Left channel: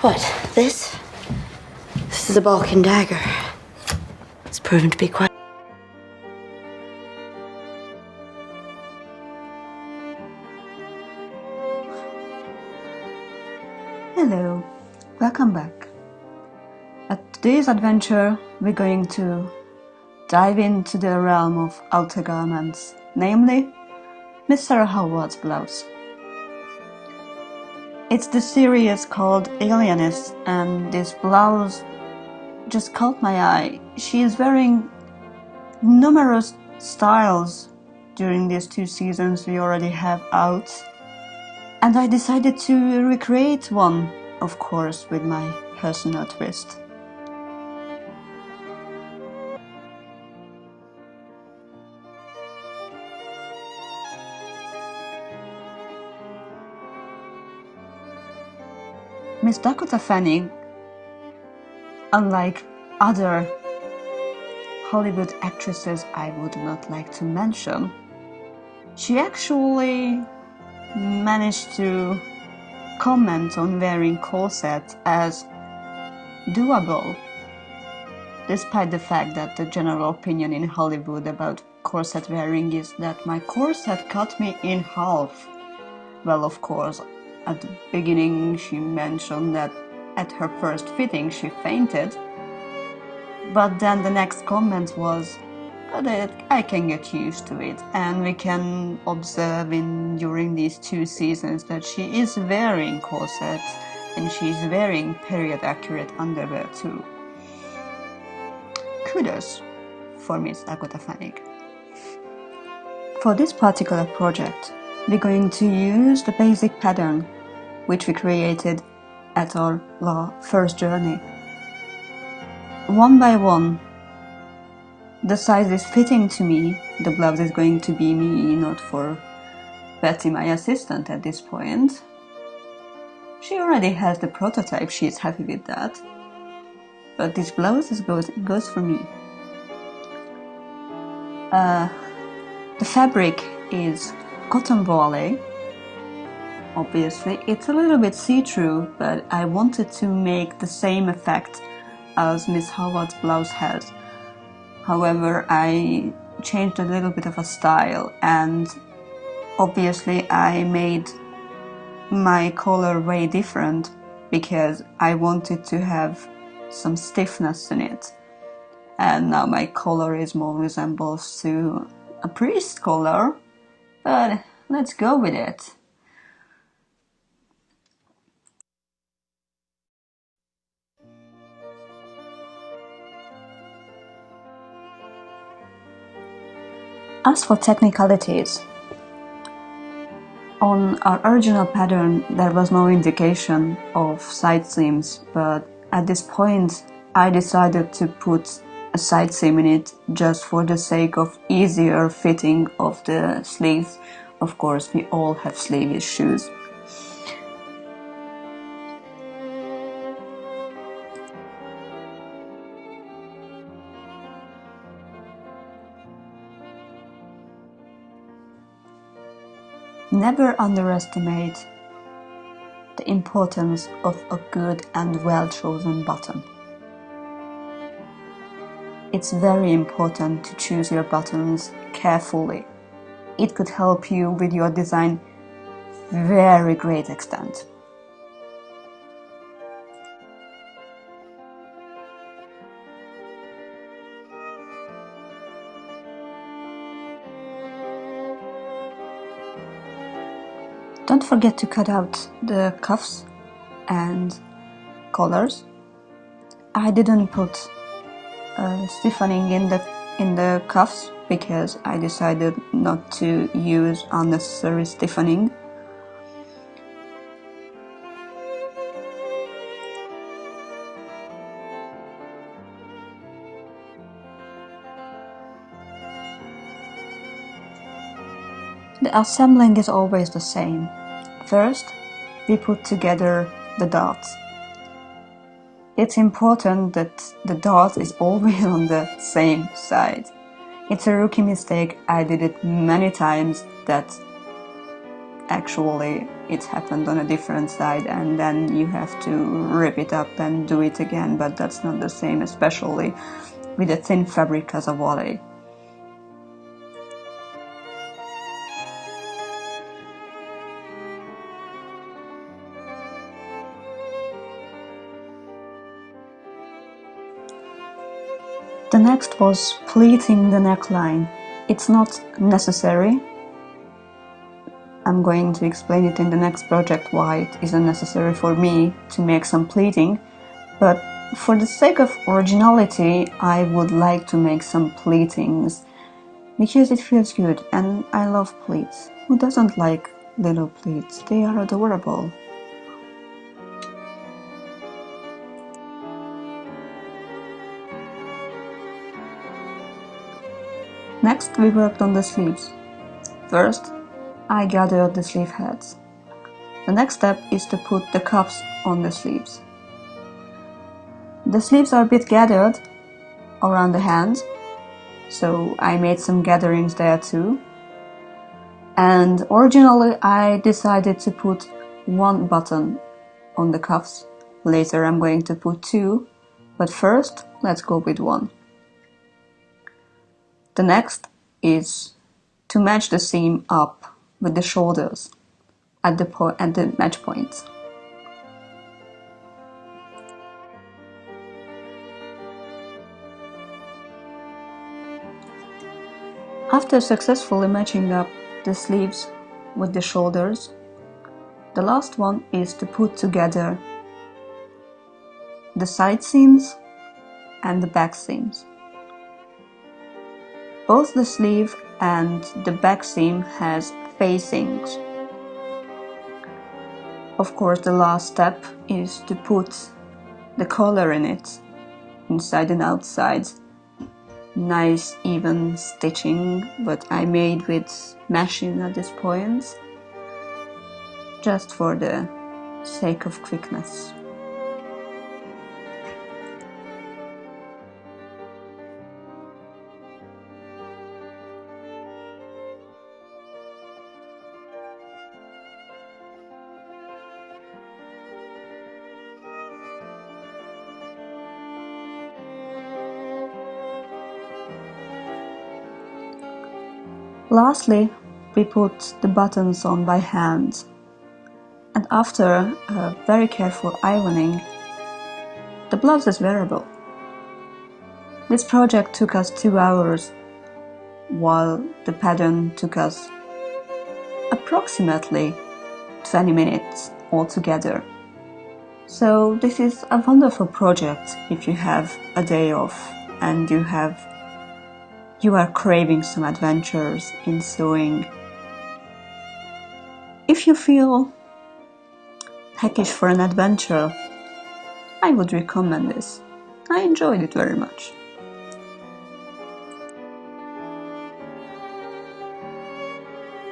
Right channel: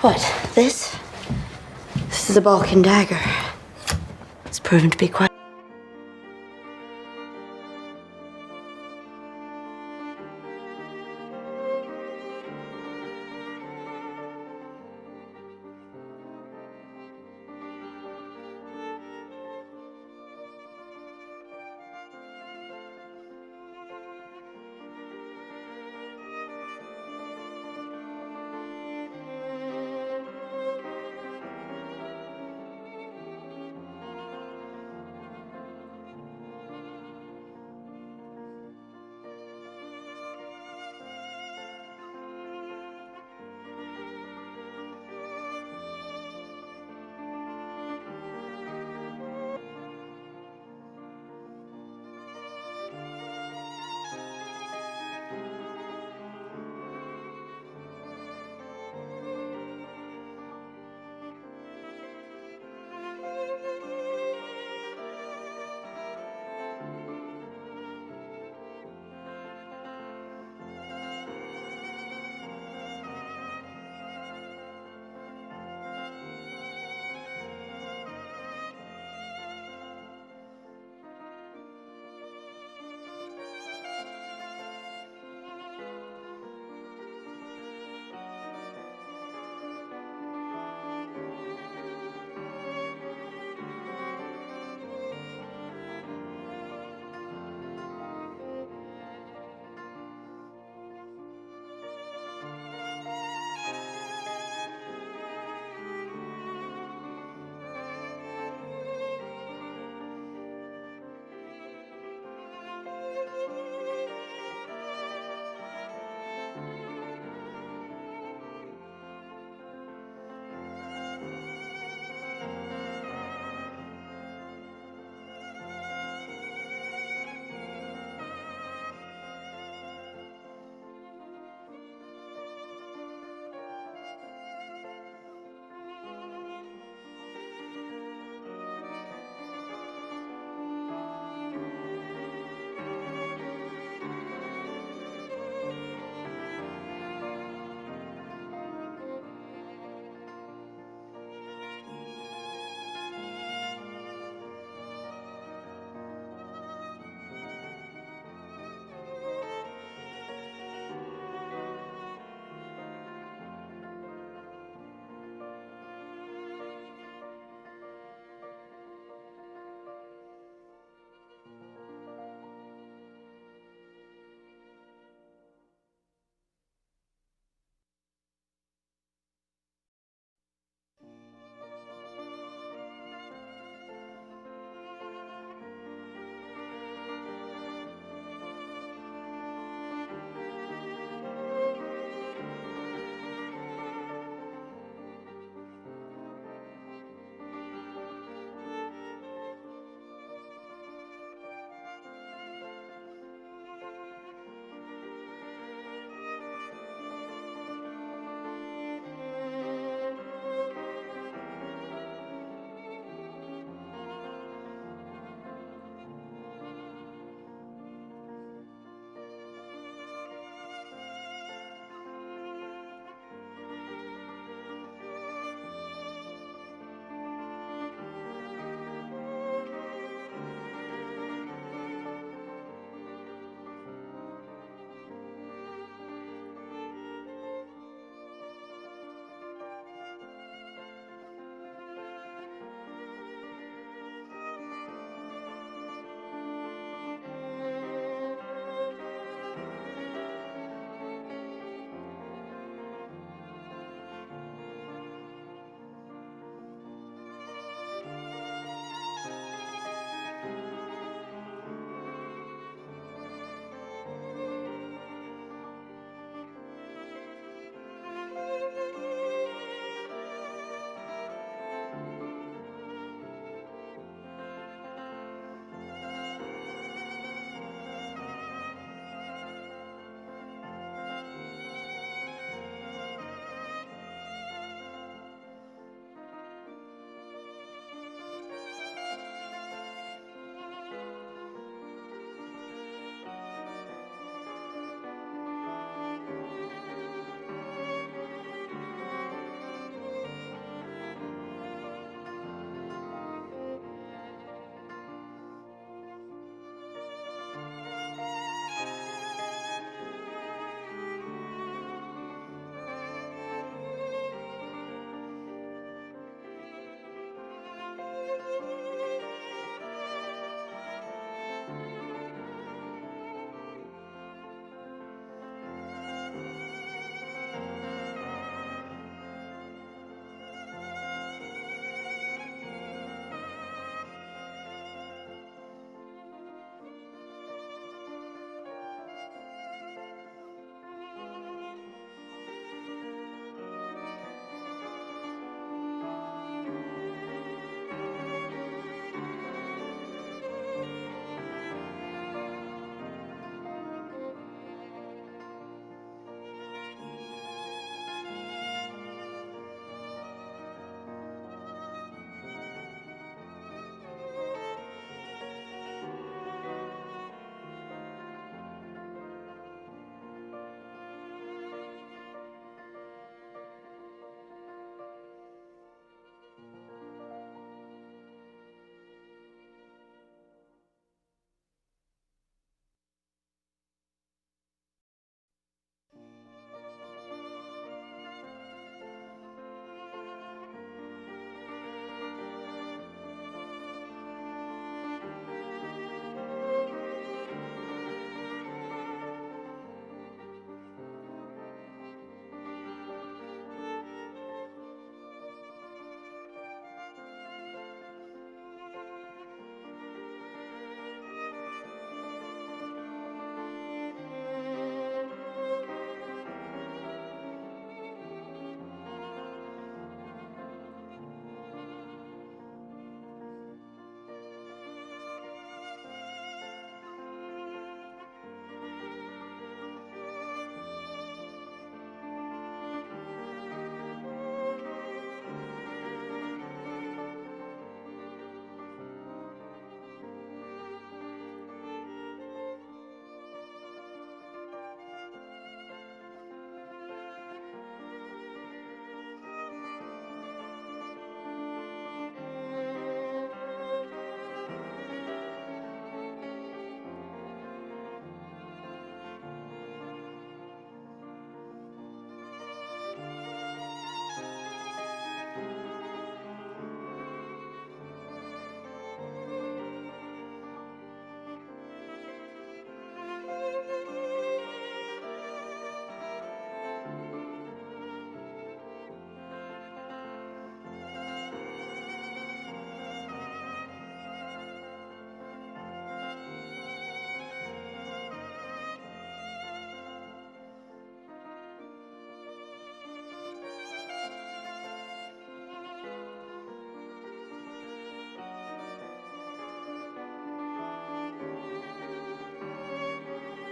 What, this? This is a Balkan dagger. It's proven to be quite... Hello, welcome back. At today's adventure, we're going to dive into the realm of outer garments, namely Miss Sara Howard's blouse. It's the series called Alienist, and this blouse just caught my eye. She is wearing numerous styles during these 2 seasons we already have out, and I decided to recreate one, of course, with my personal twist. Miss Dakota Fanning, unlike other Hollywood actresses I would not like to mention, she actually managed to comment on wearing corset as doable, despite the fact that the general opinion in Hollywood about corset wearing is that my corset cut me in half. Well, of course, at the beginning she mentioned that at her first fitting she fainted, but then the next comment was that I can get used to it, and we can observe during these 2 seasons that she is wearing corsets and she's wearing period accurate underwear too. Kudos for Miss Dakota Fanning. For this particular project, we're going to use the basic pattern which we created at our first journey. One by one, the size is fitting to me. The blouse is going to be me, not for Betty, my assistant, at this point. She already has the prototype, she is happy with that. But this blouse goes for me. The fabric is cotton voile. Obviously, it's a little bit see-through, but I wanted to make the same effect as Miss Howard's blouse has. However, I changed a little bit of a style, and obviously I made my collar way different because I wanted to have some stiffness in it. And now my collar is more resembles to a priest collar, but let's go with it. As for technicalities, on our original pattern there was no indication of side seams, but at this point I decided to put a side seam in it just for the sake of easier fitting of the sleeves. Of course, we all have sleeveless shoes. Never underestimate the importance of a good and well-chosen button. It's very important to choose your buttons carefully. It could help you with your design very great extent. Don't forget to cut out the cuffs and collars. I didn't put stiffening in the cuffs because I decided not to use unnecessary stiffening. The assembling is always the same. First, we put together the darts. It's important that the dart is always on the same side. It's a rookie mistake, I did it many times, that actually it happened on a different side, and then you have to rip it up and do it again, but that's not the same, especially with a thin fabric as a volley. The next was pleating the neckline. It's not necessary. I'm going to explain it in the next project why it isn't necessary for me to make some pleating, but for the sake of originality, I would like to make some pleatings because it feels good and I love pleats. Who doesn't like little pleats? They are adorable. Next, we worked on the sleeves. First, I gathered the sleeve heads. The next step is to put the cuffs on the sleeves. The sleeves are a bit gathered around the hands, so I made some gatherings there too. And originally I decided to put one button on the cuffs. Later I'm going to put two, but first let's go with one. The next is to match the seam up with the shoulders at the match points. After successfully matching up the sleeves with the shoulders, the last one is to put together the side seams and the back seams. Both the sleeve and the back seam has facings. Of course, the last step is to put the collar in it, inside and outside. Nice even stitching, but I made with mashing at this point, just for the sake of quickness. Lastly, we put the buttons on by hand, and after a very careful ironing, the blouse is wearable. This project took us 2 hours, while the pattern took us approximately 20 minutes altogether. So this is a wonderful project if you have a day off and you are craving some adventures in sewing. If you feel peckish for an adventure, I would recommend this. I enjoyed it very much.